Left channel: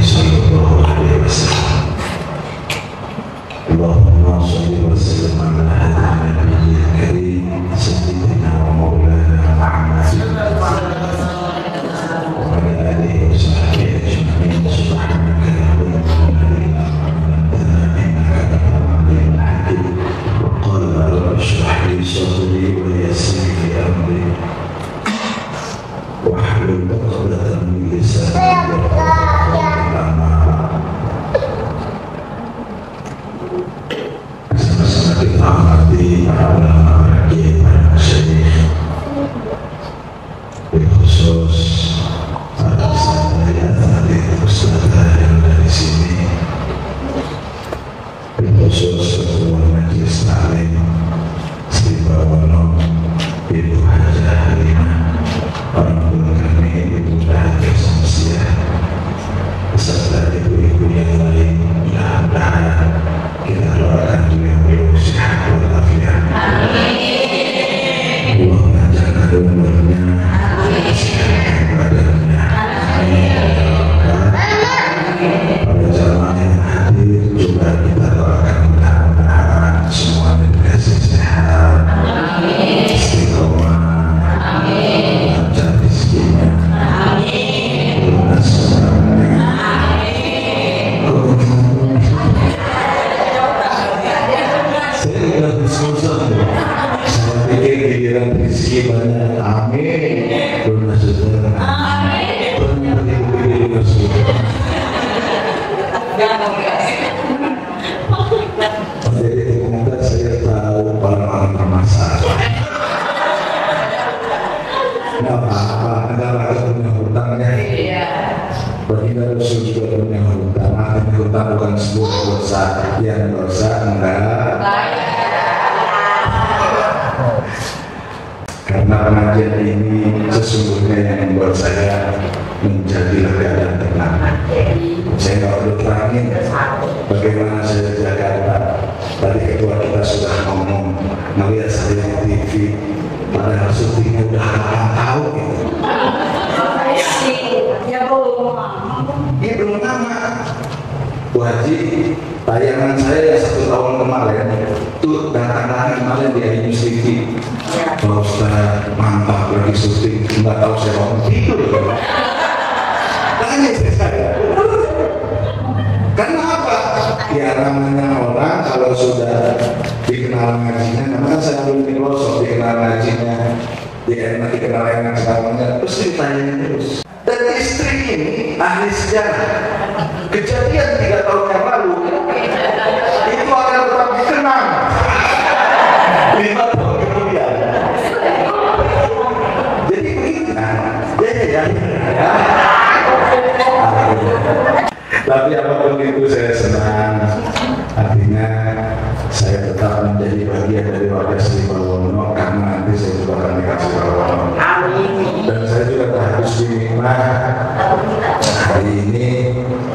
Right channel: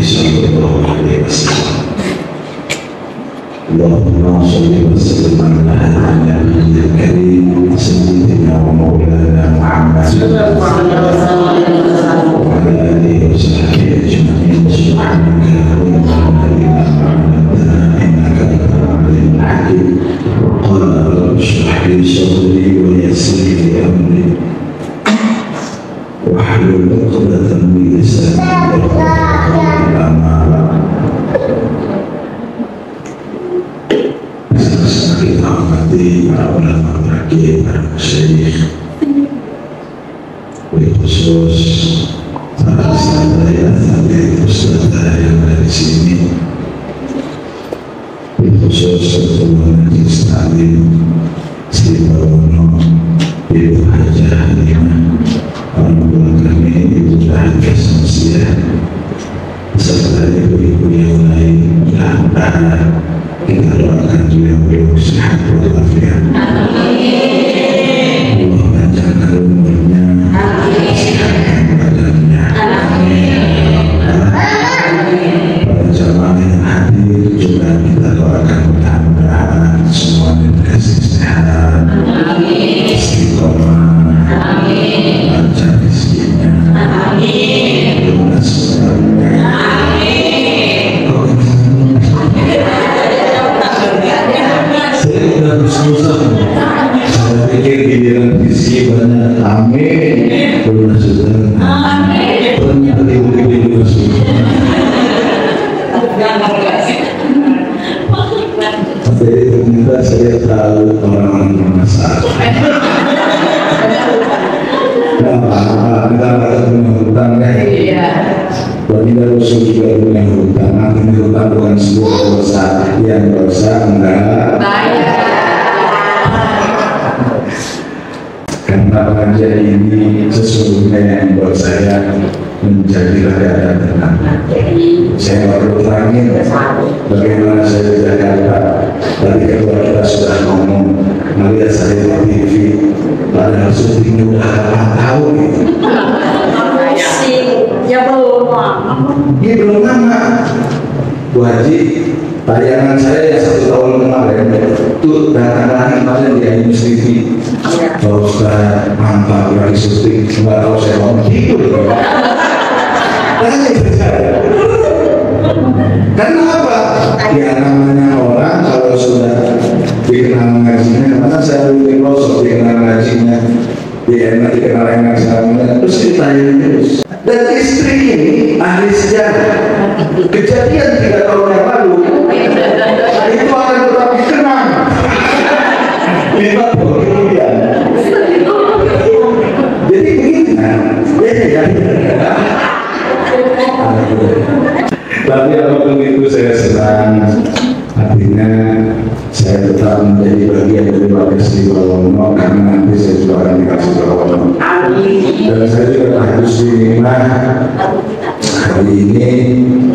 صلى الله عليه وسلم. اللهم صل وسلم على هذا النبي الكريم سيدنا ومولانا محمد وعلى آله وصحبه أجمعين. سبحانك اللهم لا إله إلا أنت إنك أنت العليم الحكيم. وقال رب اشرح لي صدري ويسر لي أمري واحلل عقدة من لساني يفقهوا kita hormati para ulama, para kiai, para masyayikh, khusus para ustadzah yang dari sini, khusus untuk majelis taklim Sri Bawono, Ibu Hajah Halimah, orang tua kami Ibu Dahat Samsiah, serta ibu-ibu yang lain. Mudah-mudahan kita doakan beliau sehat walafiat. Allah panjangkan umurnya, sehatkan badannya. Para jamaah yang hadir juga kita doakan mudah-mudahan semua dikasih sehat, istiqomah, lancar rezekinya, lunas saudaranya. Saya pikir giliran rezeki banyak. Amin. Lunas saudara. Amin. Ternyata ibu-ibu juga sudah. Jadi ternyata saya tahu orang-orang bermasalah. Kita harus punya hutang kan? Iya. Baginda Rasul juga punya hutang. Artinya hutang bukan sebuah dosa. Yang dosa enggak. Karena pengajian ini sesungguhnya yang membuat saya menjadi lega dan tenang. Saya perlu terangin bagaimana saya di Jakarta. Tadi kedua kita sudah ngomong, melihat saya di TV, padahal syutingnya udah 8 tahun gitu. Ya belum lama. Ini belum lama. Bu Haji, tayangan saya yang 1 tahun kemarin itu datang lagi kemarin di Ainus TV. Pak Ustaz, mantap lagi syuting, nggak tahu saya ngomong gitu. Karena apa? Ya namanya orang kalau sudah dikenal ngajinya, kemarin saya bikin losok dikenal ngajinya, dikenal enak samanya, terus ditanya terus. Dan istri ini ahli sejarah, kejadian 3 tahun yang lalu, itu akan tetap dikenang 5 tahun kemudian. Jadi begitu ya. Tapi apapun itu saya senang. Artinya saya tetap menjadi bagian dari warga Sri Bawono, karena nanti saya juga akan dikasih Bawono. Dan saya juga harus dinikmah. Hari ini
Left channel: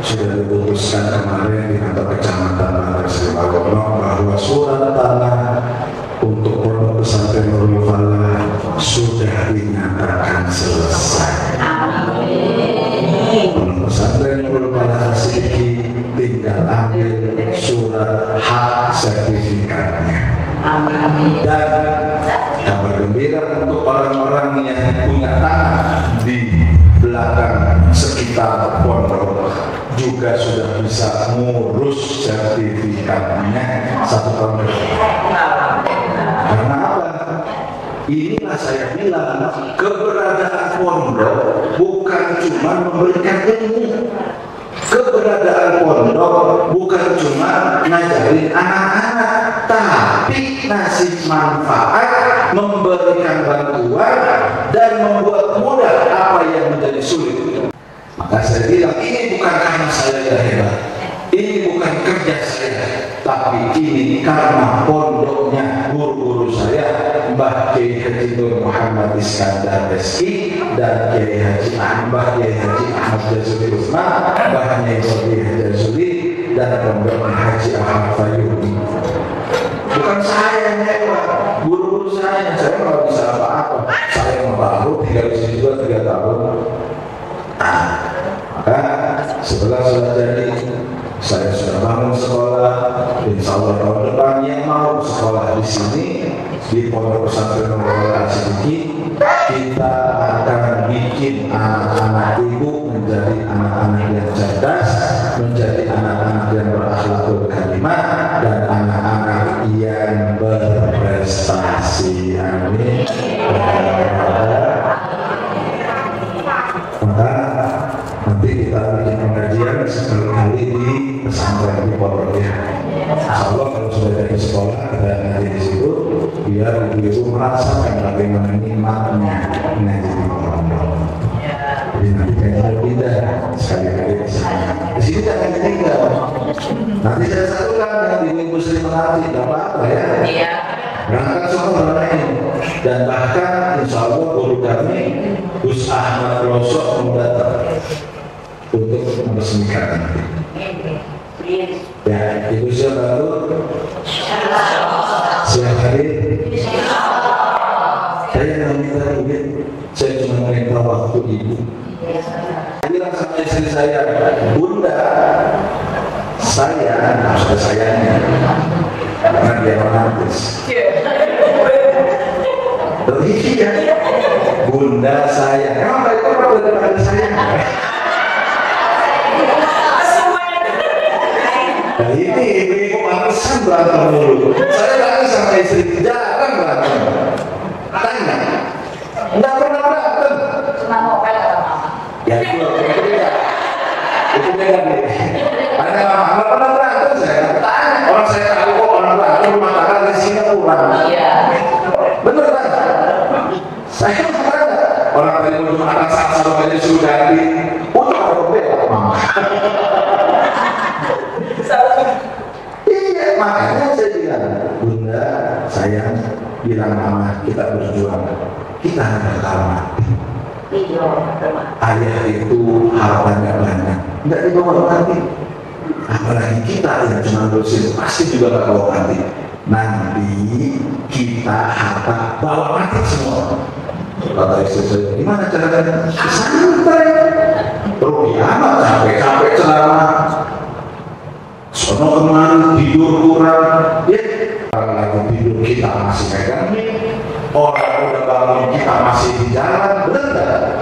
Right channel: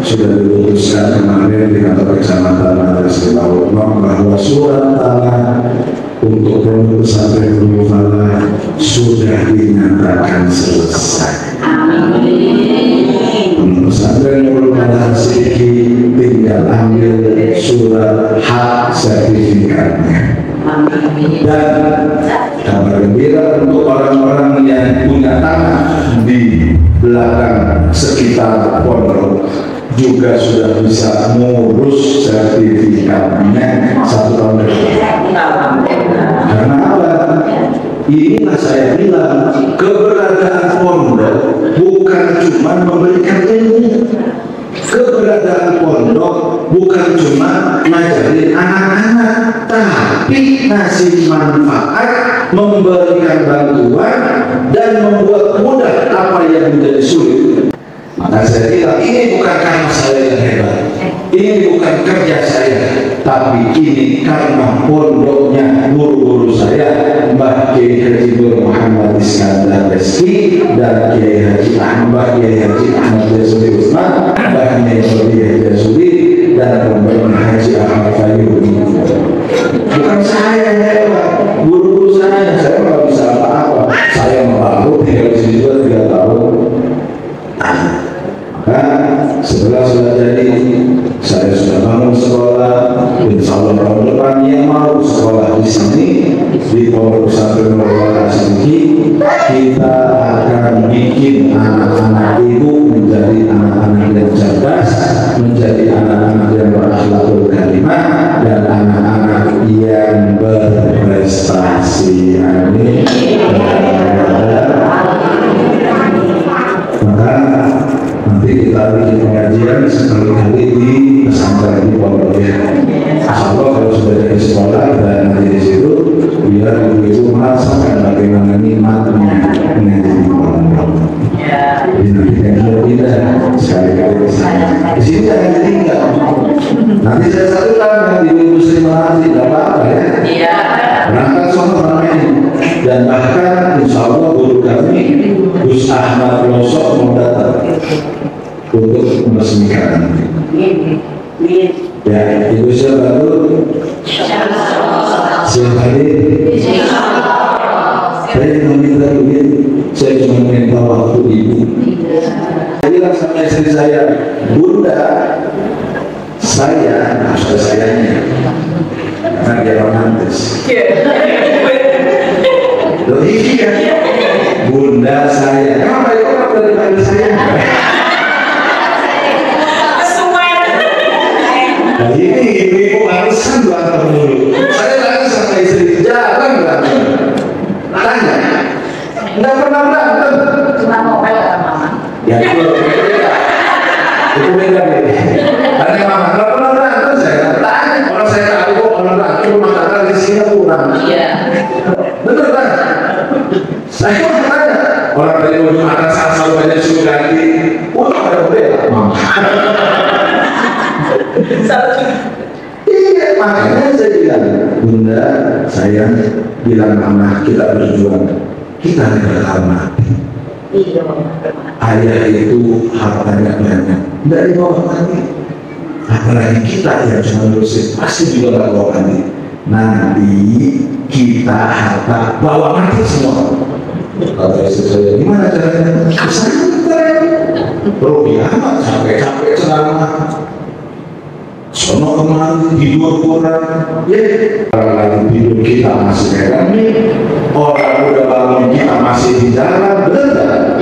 sudah diputuskan kemarin di kantor kecamatan Warga Sri Bawono bahwa surat tanah untuk pondok pesantren Nurul Falah sudah dinyatakan selesai. Pondok pesantren Nurul Falah sedikit tinggal ambil surat hak sertifikatnya. Dan kabar gembira untuk orang-orang yang punya tanah di belakang sekitar pondok juga sudah bisa mengurus sertifikatnya 1 tahun ke depan. Karena apa? Inilah saya bilang, keberadaan pondok bukan cuma memberikan ilmu. Keberadaan pondok bukan cuma ngajarin anak-anak, tapi ngasih manfaat, memberikan bantuan, dan membuat mudah apa yang menjadi sulit. Maka saya bilang, ini bukan karena saya yang hebat, ini bukan kerja saya, tapi ini karena pondoknya guru-guru saya, Mbah Kiai Haji Nur Muhammad Iskandar Reski dan Kiai Haji Ahmad Jasuli Utsman, Mbah Kiai Haji Jasuli dan Rombongan Haji Ahmad Fayyumi. Bukan saya yang hebat, guru-guru saya nggak bisa apa-apa. Saya membantu tinggal di sini 2-3 tahun. Maka setelah insya Allah guru kami Gus Ahmad Losok mau datang untuk meresmikan nanti. Ya, Ibu siapa dulu? Siap hadir. Saya meminta begini, saya cuma minta waktu Ibu. Saya bilang sama istri saya, Bunda, saya harus ada sayangnya, karena dia romantis. Lebih kan, Bunda saya, kenapa ya orang dari mana saya? Nah ini ibu-ibu malesan berantem mulu. Saya lagi sama istri jarang berantem. Makanya nggak pernah berantem. Cuma ngomel sama mama. Ya itu beda. Itu beda nih. Tanya mama, nggak pernah berantem saya kan? Tanya orang saya tahu kok orang berantem makanan di sini kurang. Iya. Betul kan? Saya tanya orang dari ujung atas asal banyak suruh ganti. Ada beda. Iya, makanya saya bilang, Bunda, saya bilang mama, kita berjuang, kita negara mati. Ayah itu hartanya banyak, tidak dibawa mati. Apalagi kita yang cuma berusia, pasti juga nggak bawa mati. Nanti kita harta bawa mati semua. Kata istri saya, gimana caranya? Santai. Rupiah nggak capek-capek ceramah. Sono kemari tidur kurang, ya orang lagi tidur kita masih megang orang udah bangun kita masih di jalan, bener kan?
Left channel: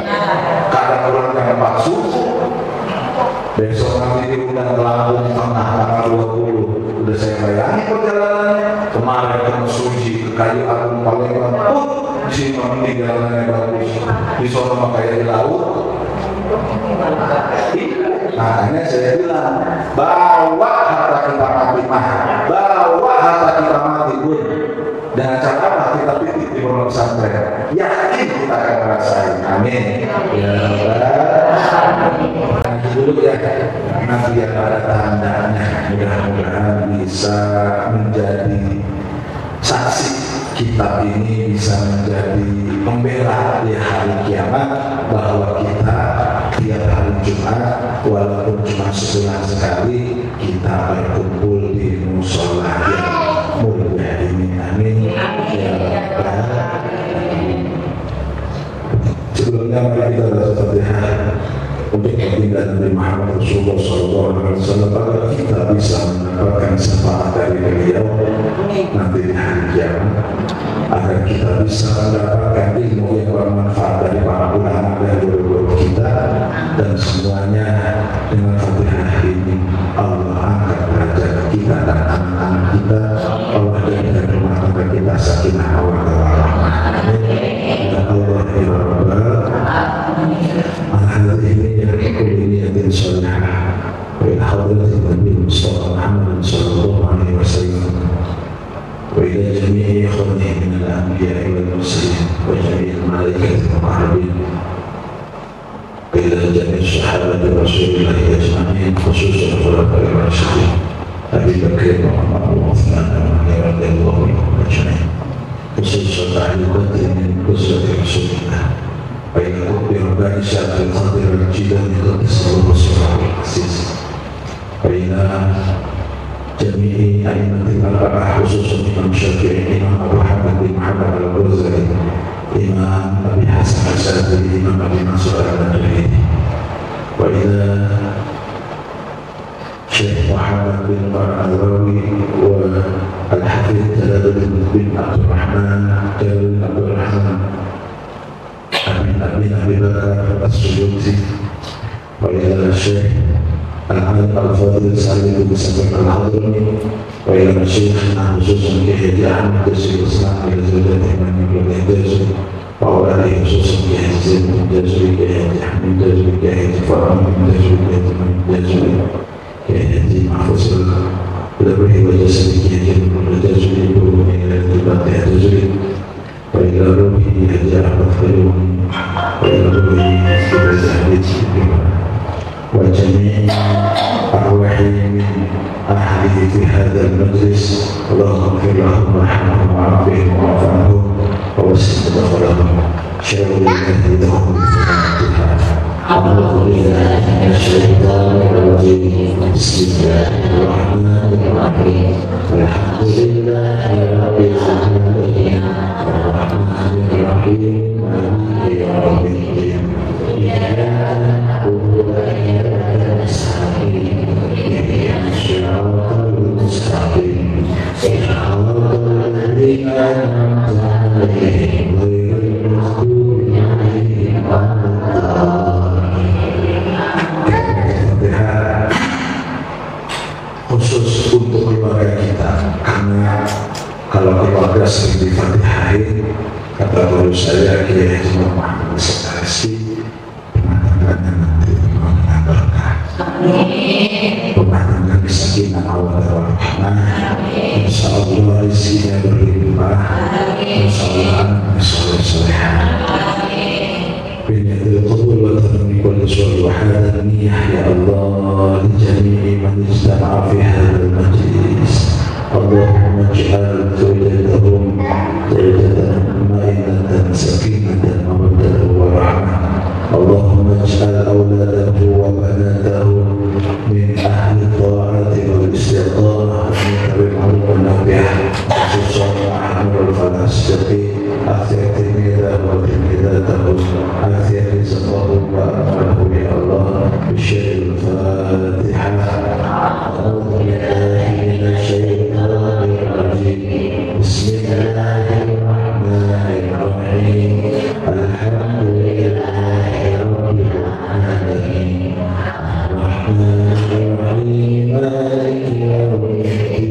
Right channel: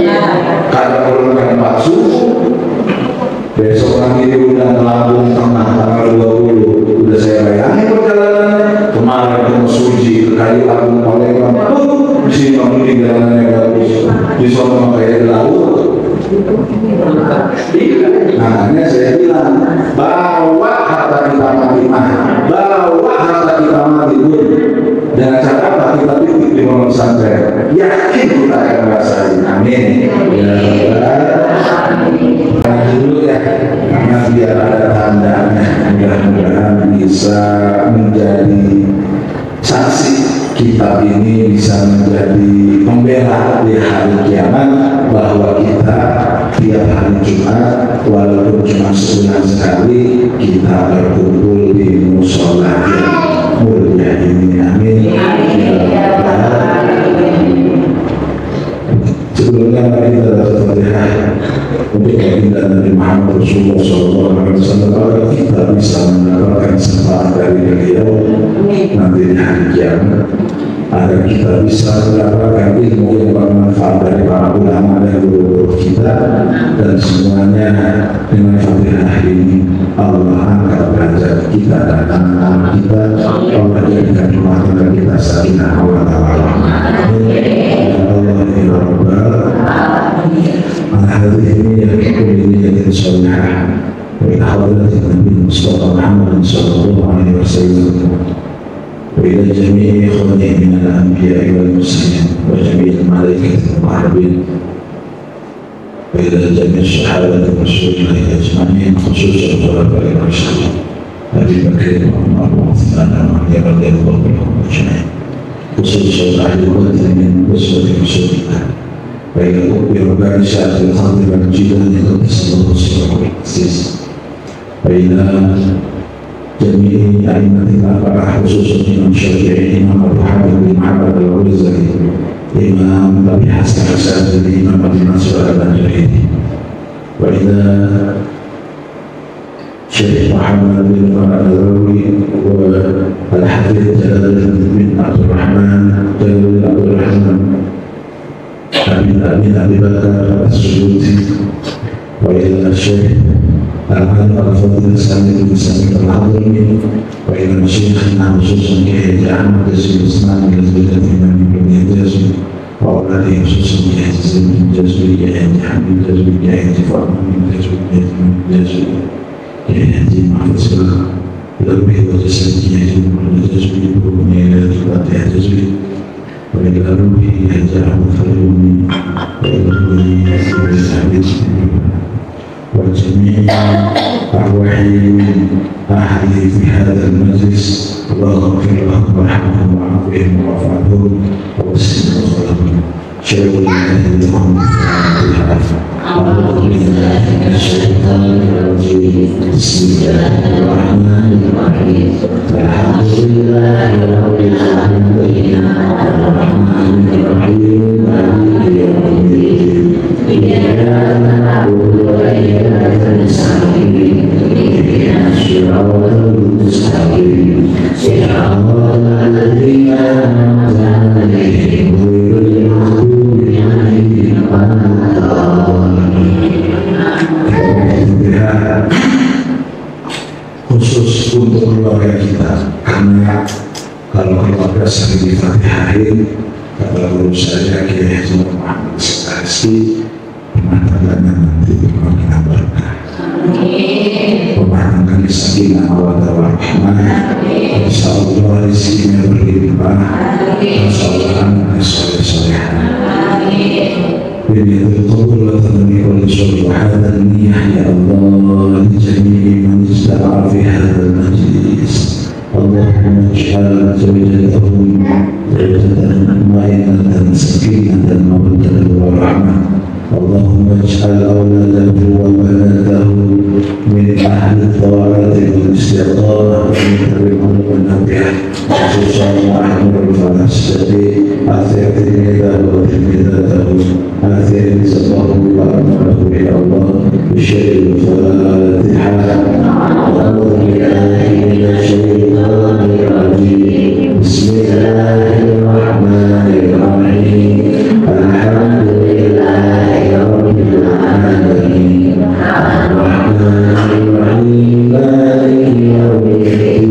Kadang pulang jam 4 subuh, besok nanti udah melambung tengah tanggal 20, udah saya bayangin perjalanannya. Kemarin ke Mesuji, ke Kayu Agung, Palembang, di sini mending jalanannya bagus, di sono kayak di laut. Makanya saya bilang, bawa harta kita mati bawa harta kita mati pun dengan cara apa? Kita titip di pondok pesantren, yakin kita akan merasakan. Amin. Ya dulu ya, karena biar ada tandanya, mudah-mudahan bisa menjadi saksi kitab ini, bisa menjadi pembela di hari kiamat bahwa kita tiap hari Jumat walaupun cuma sebulan sekali kita berkumpul di musola yang mulia ini. Amin. Sebelumnya mari kita berdoa untuk baginda Nabi Muhammad Rasulullah SAW agar kita bisa mendapatkan syafaat dari beliau nanti di hari kiamat, agar kita bisa mendapatkan ilmu yang bermanfaat dari para ulama dan guru-guru kita, dan semuanya dengan Fatihah ini Allah angkat derajat kita dan anak-anak kita. Allah jadikan rumah tangga kita sakinah mawaddah warahmah. Ya Allah ya Rabbal alamin. Hadhihi niyyatun shalihah wa ila hadratin Nabi Mustafa Muhammad sallallahu alaihi wasallam وإلى جميع إخوانه من الأنبياء والمرسلين وجميع الملائكة المقربين وإلى جميع الصحابة رسول الله أجمعين خصوصا الخلفاء الراشدين أبي بكر وعمر وعثمان وعلي رضي الله عنهم أجمعين خصوصا أهل بدر من أسرة رسول الله وإلى رب ربان شاف الخضر والجيلاني قدس الله سره العزيز وإلى جميع أئمة الأربعة خصوصا الإمام الشافعي، الإمام أبو حامد بن محمد الغزالي، الإمام أبي حسن الشاذلي، الإمام أبي منصور البنجلي، وإلى الشيخ محمد بن النبوي والحفيظ جلال بن عبد الرحمن بن أبي بكر السيوطي، وإلى الشيخ العالم الفاضل سعيد بن سعيد الحضرمي، وإلى مشايخنا خصوصا كهيئة أحمد الجزري الإسلامي لزوجة الإمام ابن الجزري وأولاده خصوصا كهيئة زين الجزري، كهيئة حميد الجزري، كهيئة فرح الجزري، كهيئة من الجزري، كهيئة محفوظ الروح والجسد، كهيئة من الجزري، وكهيئة إلى الفاتحة الجزري، وإلى روحه كهيئة أحمد الفيومي، وإلى روحه كهيئة وجميع أرواح أهله في هذا المجلس. اللهم اغفر لهم وارحمهم وعافهم واعف عنهم ووسع مدخلهم khusus untuk keluarga kita, karena kalau keluarga sering difatihain, kata guru saya Kiai Haji Muhammad Rizki, pemandangannya nanti bermakna berkah, pemandangan sakinah mawaddah warahmah, insya Allah rezekinya berlimpah, persoalan soleh-solehan. Biniatul qabul wa tamami kulli syurri wa hadha niyah ya Allah li jami'i man ijtama'a fi hadha al-majlis. Allahumma ij'al zawjatahum zawjatan ma'inatan sakinatan mawaddatan wa rahmah. Allahumma ij'al awladahu wa banatahu min ahli ta'ati wal istiqamah min al-khuluq an-nabiyah khususan ma'ahmul falasati akhirnya wa timidatahu akhirnya sallallahu alaihi wa Allah bisyaril fatihah bismillahirrahmanirrahim alhamdulillahi rabbil alamin arrahmanirrahim maliki yaumiddin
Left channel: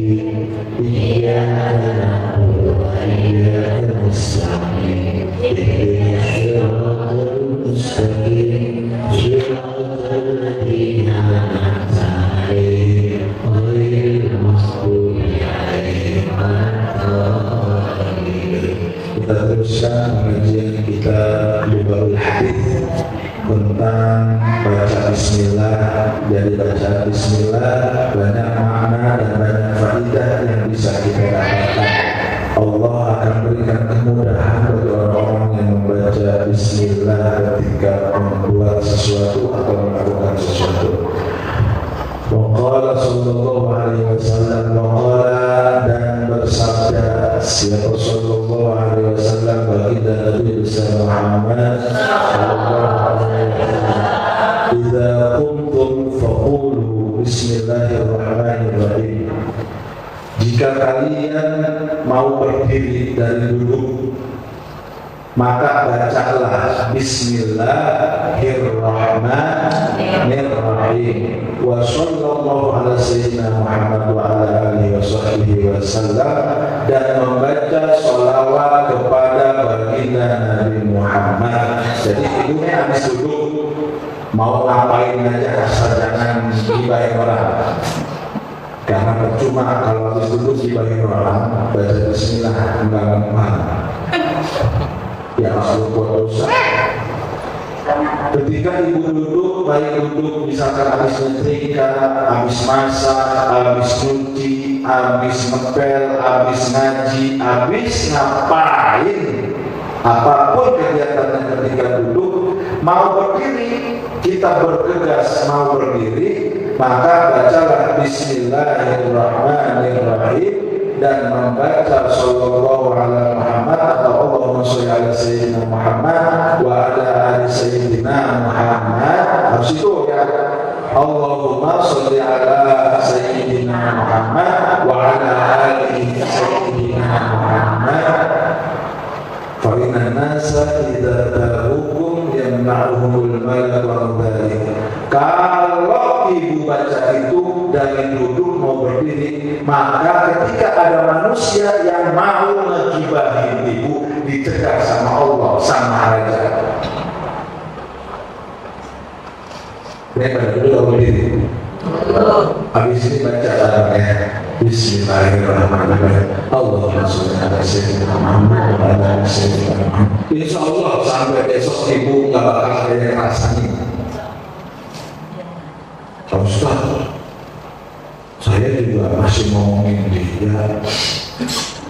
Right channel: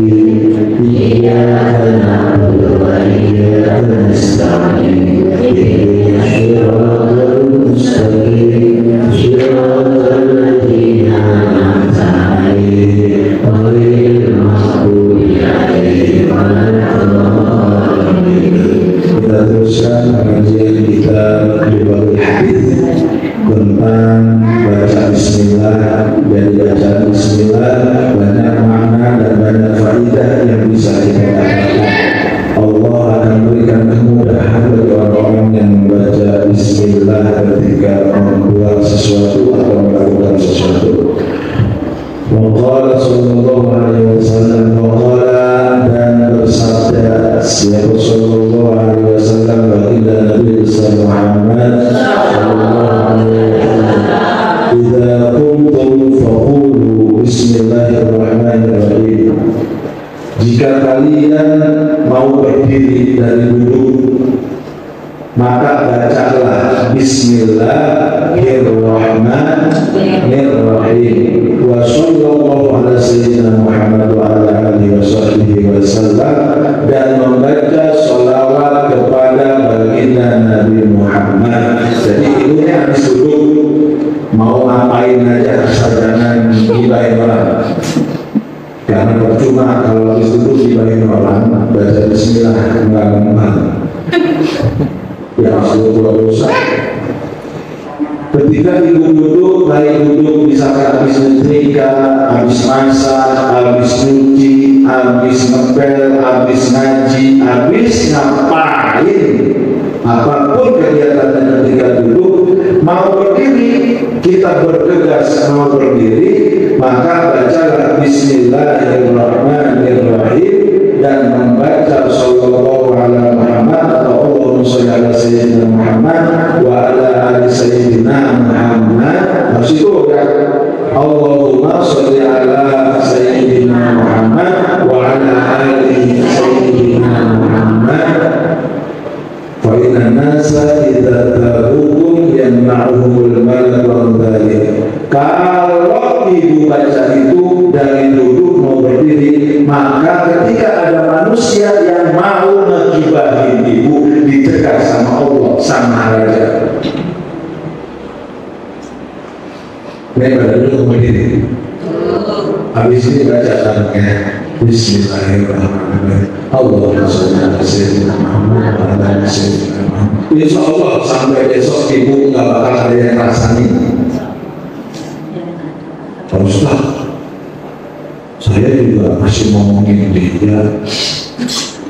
iyyaka na'budu wa iyyaka nasta'in ihdinas siratal mustaqim siratal ladzina an'amta 'alaihim ghairil maghdubi 'alaihim waladdallin. Kita teruskan pengajian kita di bab hadis tentang baca bismillah. Jadi baca bismillah banyak makna dan banyak faidah yang bisa kita dapatkan. Allah akan berikan kemudahan bagi orang-orang yang membaca bismillah ketika membuat sesuatu atau melakukan sesuatu. Waqala sallallahu alaihi wasallam, waqala dan bersabda siapa sallallahu alaihi wasallam baginda Nabi besar Muhammad sallallahu alaihi wasallam, idza qumtum faqulu bismillahirrahmanirrahim. Jika kalian mau berdiri dari duduk, maka bacalah bismillahirrahmanirrahim. Wa sallallahu ala sayyidina Muhammad wa ala alihi wa sahbihi wa sallam, dan membaca sholawat kepada baginda Nabi Muhammad. Jadi ini habis duduk mau ngapain aja, asal jangan gibahin orang. Karena percuma kalau habis duduk gibahin orang, baca bismillah enggak mempan. Ya Allah dosa. Ketika ibu duduk, baik duduk misalkan habis nyetrika, habis masak, habis nyuci, habis ngepel, habis ngaji, habis ngapain, apapun kegiatannya ketika duduk, mau berdiri, kita bergegas mau berdiri, maka bacalah bismillahirrahmanirrahim dan membaca sallallahu alaihi Muhammad atau Allahumma sholli ala sayyidina Muhammad wa ala ali sayyidina Muhammad. Harus itu ya, Allahumma sholli ala sayyidina Muhammad wa ala ali sayyidina Muhammad. Fa inna nasa idza tabukum yamna'uhumul malak wa dzalik. Kalau ibu baca itu dari duduk mau berdiri, maka ketika ada manusia yang mau mengibahin ibu, dicegah sama Allah, sama raja. Ini pada dulu berdiri. Habis ini baca barangnya bismillahirrahmanirrahim. Allahumma sholli ala sayyidina Muhammad wa ala ali sayyidina Muhammad. Insya Allah sampai besok ibu nggak bakal ada yang rasain. Ustaz, saya juga masih ngomongin dia,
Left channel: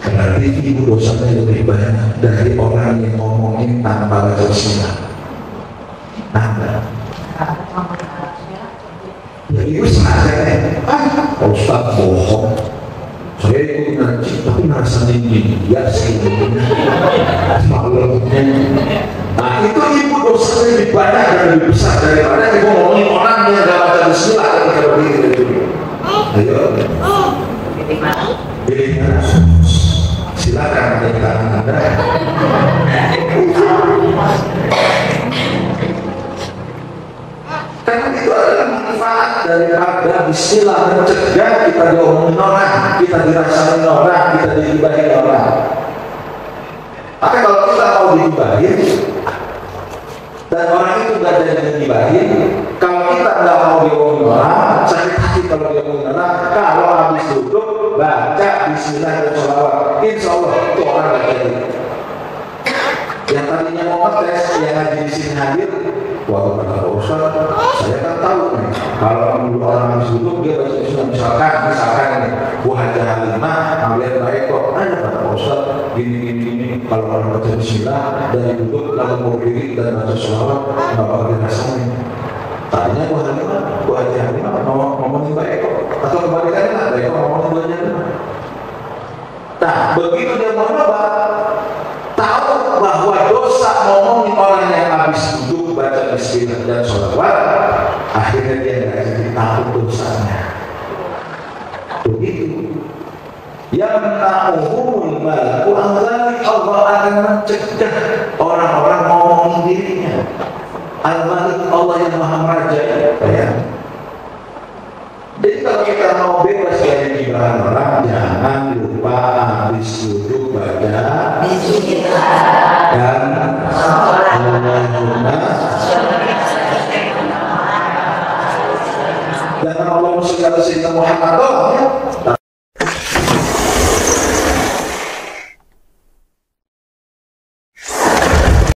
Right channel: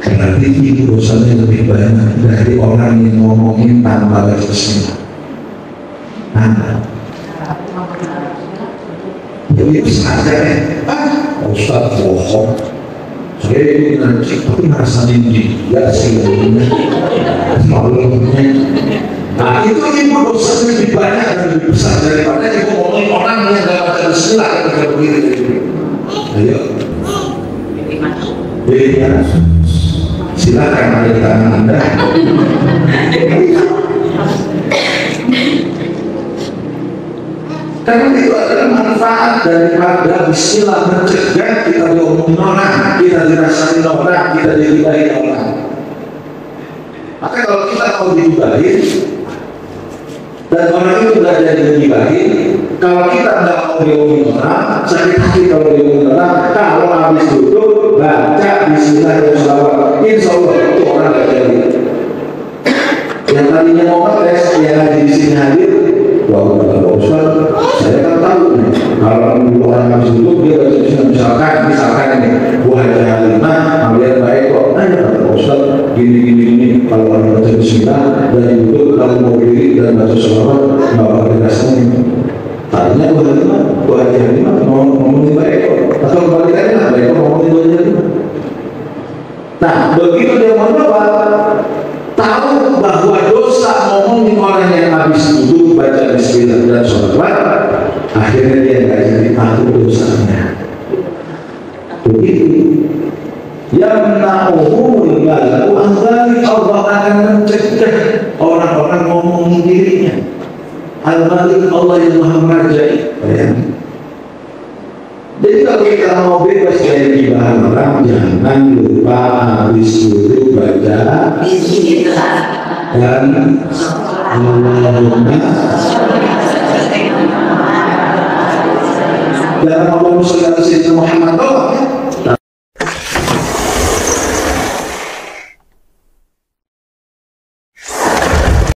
berarti berarti itu dosanya lebih banyak dari orang yang ngomongin tanpa baca bismillah. Anda jadi saja Pak Ustaz bohong, saya ini ngaji tapi rasanya dia sih malunya. Nah itu ibu dosanya lebih banyak dan lebih besar daripada ibu ngomongin orang yang gak baca bismillah ketika berdiri dari dulu. Ayo pilih mana? Silakan ada di tangan Anda. Karena itu adalah manfaat daripada bismillah mencegah kita diomongin orang, kita dirasain orang, kita digibahin orang. Maka kalau kita mau digibahin dan orang itu tidak jadi digibahin, kalau kita tidak mau diomongin orang, sakit hati kalau diomongin orang. Kalau habis tutup baca bismillah dan sholawat, insya Allah itu orang tidak jadi. Yang tadinya mau ngetes, yang hadir di sini hadir. Wah, kata Ustaz, saya kan tahu nih, kalau orang habis tutup dia baca bismillah, misalkan ini buah hajar halimah, ambil baik kok. Ayo kata Ustaz, gini, kalau orang baca bismillah dari tutup lalu mau diri dan baca sholawat, nggak bakal dirasain. Tadinya buah hajar halimah ngomongin baik kok, atau kembalikannya lah baik kok ngomongin buah hajar halimah. Nah, begitu dia mau nyoba, tahu bahwa dosa ngomongin orang yang habis duduk baca bismillah dan sholawat, akhirnya dia nggak jadi tahu dosanya. Begitu. Yang na'uhul malaku anzali, Allah akan mencegah orang-orang ngomongin dirinya. Al-Malik, Allah yang Maha Meraja. Jadi kalau kita mau bebas dari ibadah orang, jangan lupa habis duduk baca bismillah dan Allahumma dan Allahumma sholli ala sayyidina Muhammad.